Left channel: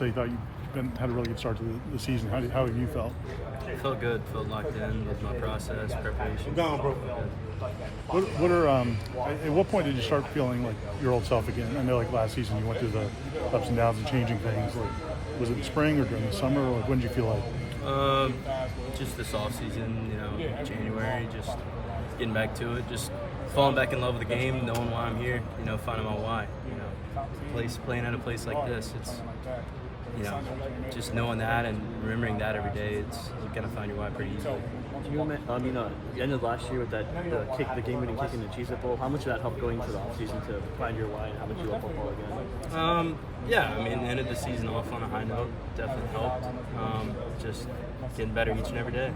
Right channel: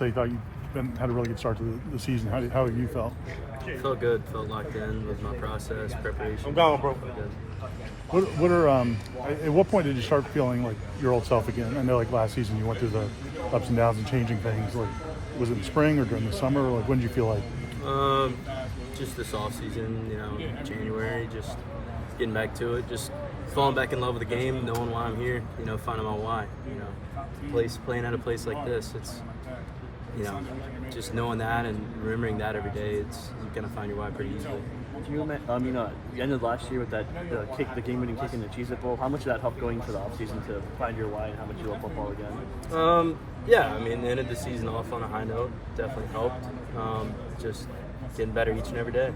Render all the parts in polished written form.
They thought you had a really good start to the season. How have you felt? Felt good. Felt locked in with my process, preparation. Felt good. At what point did you start feeling like your old self again? I know like last season you went through the ups and downs and changing things. Like, was it the spring or during the summer, or when did you feel like? Just this off season, January, just getting back to it, just falling back in love with the game, knowing why I'm here, finding my why. Playing at a place like this, it's just knowing that and remembering that every day, you kind of find your why pretty easily. You ended last year with that the game-winning kick in the Cheez It Bowl. How much of that helped going into the offseason to find your why and how much you love football again? Ended the season off on a high note, definitely helped. Just getting better each and every day.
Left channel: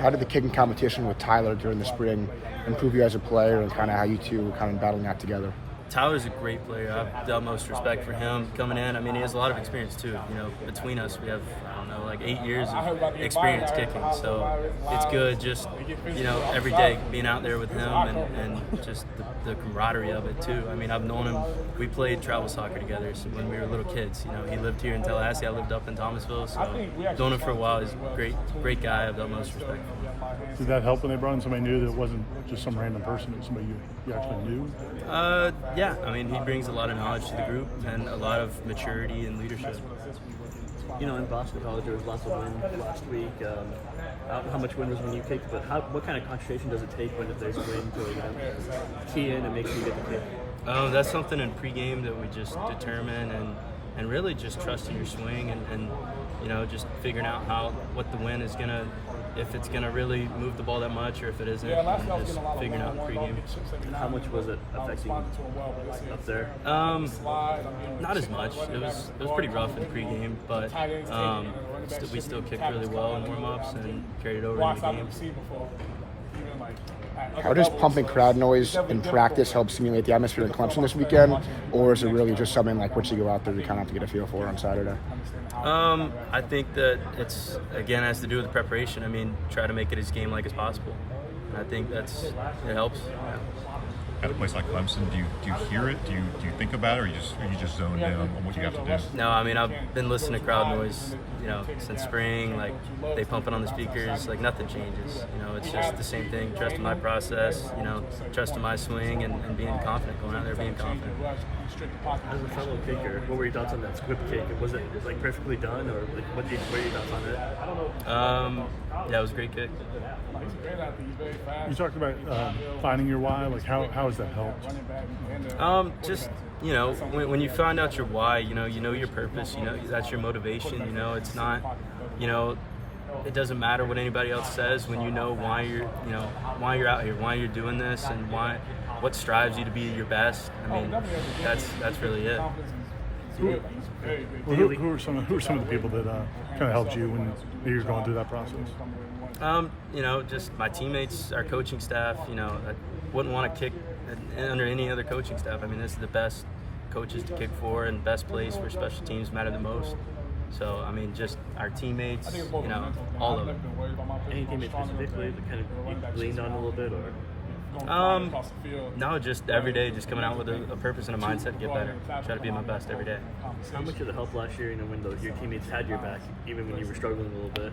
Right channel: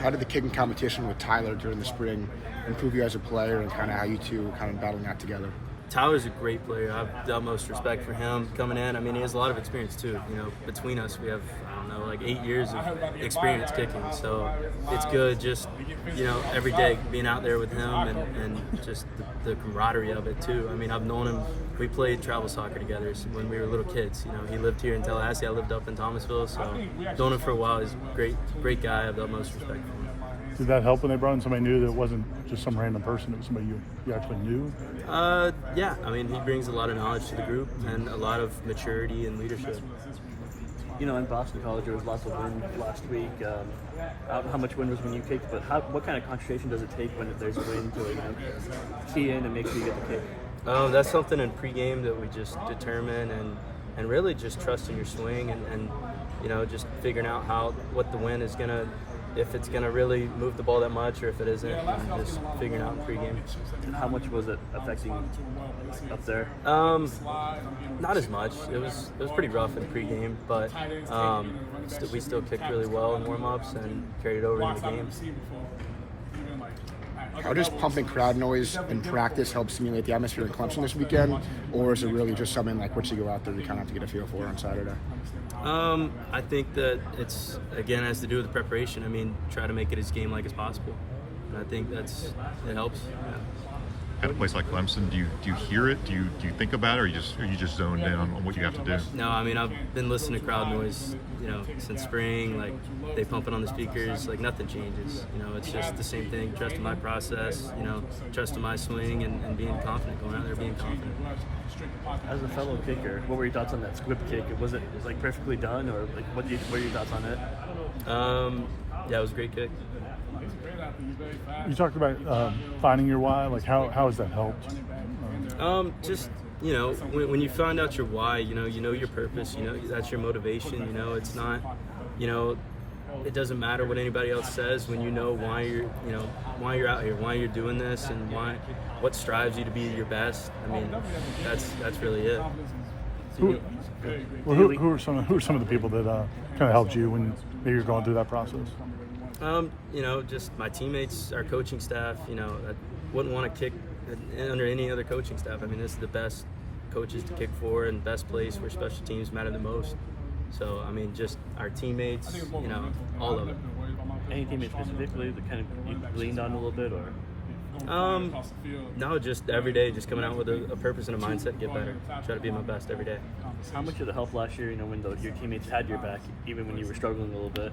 How did the kicking competition with Tyler during the spring improve you as a player, and kind of how you two kind of battling that together? Tyler's a great player. I have the utmost respect for him coming in. He has a lot of experience too. Between us, we have, 8 years of experience kicking. So it's good just, every day being out there with him and just the camaraderie of it too. I've known him. We played travel soccer together when we were little kids. He lived here in Tallahassee. I lived up in Thomasville. So known him for a while. He's a great guy. I have the utmost respect for him. Did that help when they brought in somebody new that wasn't just some random person, but somebody you actually knew? Yeah. He brings a lot of knowledge to the group and a lot of maturity and leadership. In Boston College, there was lots of wind last week. How much wind is when you take what kind of concentration does it take when there's a wind to key in and make sure you get the kick? That's something in pregame that we just determine and really just trusting your swing and just figuring out what the wind is gonna, if it's gonna really move the ball that much or if it isn't, and just figuring out in pregame. How much was it affecting up there? Not as much. It was pretty rough in pregame, but we still kicked really well in warm-ups and carried it over into the game. How does pumping crowd noise in practice help simulate the atmosphere in Clemson this weekend, or is it really just something like once you go out there you kind of have to get a feel for on Saturday? I think that it's, again, has to do with the preparation. Try to make it as game-like as possible, and I think it helps. Yeah. At a place like Clemson, do you hear it? Do you think about it, or are you just zoned in on what you have to do? No, I've been listening to crowd noise, since spring. Like, they pump it on the speakers. Like, nothing changes. It's just the same thing. Trusting my process. Trusting my swing and being confident. Going out there being confident. As a fellow kicker, what were your thoughts on that squib kick? Was it perfectly done, or what are your thoughts on it? Yeah, it was a great kick. You talked about finding your why. Like, how has that helped? Just when you find out your why, you know your purpose. That's your motivation. It's not, it doesn't matter what anybody else says when you know why you're out here, why you're doing this, and what strives you to be your best. That's really it. Who are some of the people that kind of helped you when you're going through that process? Just my teammates, our coaching staff. I wouldn't want to kick under any other coaching staff. This is the best coaches to kick for and best place where special teams matter the most. So, just our teammates, all of it. Any teammate specifically that kind of you leaned on a little bit, or? No, just every day, just coming out with a purpose and a mindset to get better. Try to be my best every day. How much did it help last year, when your teammates had your back, even when you were struggling a little bit?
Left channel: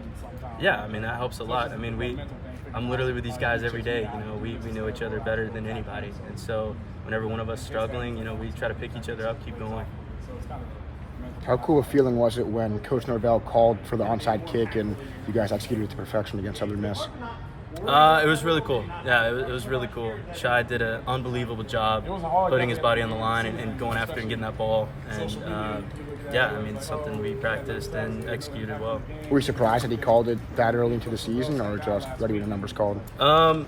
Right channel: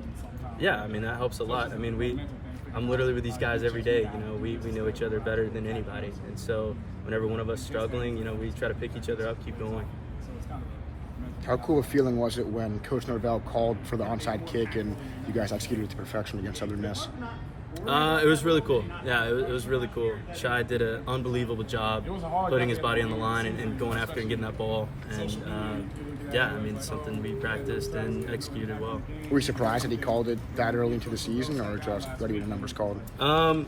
Yeah, that helps a lot. I'm literally with these guys every day. We know each other better than anybody, and so whenever one of us is struggling, we try to pick each other up, keep going. How cool a feeling was it when Coach Norvell called for the onside kick and you guys executed it to perfection against Southern Miss? It was really cool. Yeah, it was really cool. Shai did an unbelievable job putting his body on the line and going after and getting that ball. And it's something we practiced and executed well. Were you surprised that he called it that early into the season, or just what were the numbers called? I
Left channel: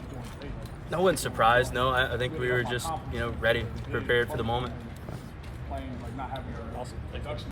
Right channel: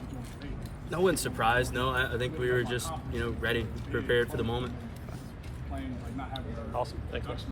wasn't surprised. No, I think we were just ready, prepared for the moment. Awesome. Thanks.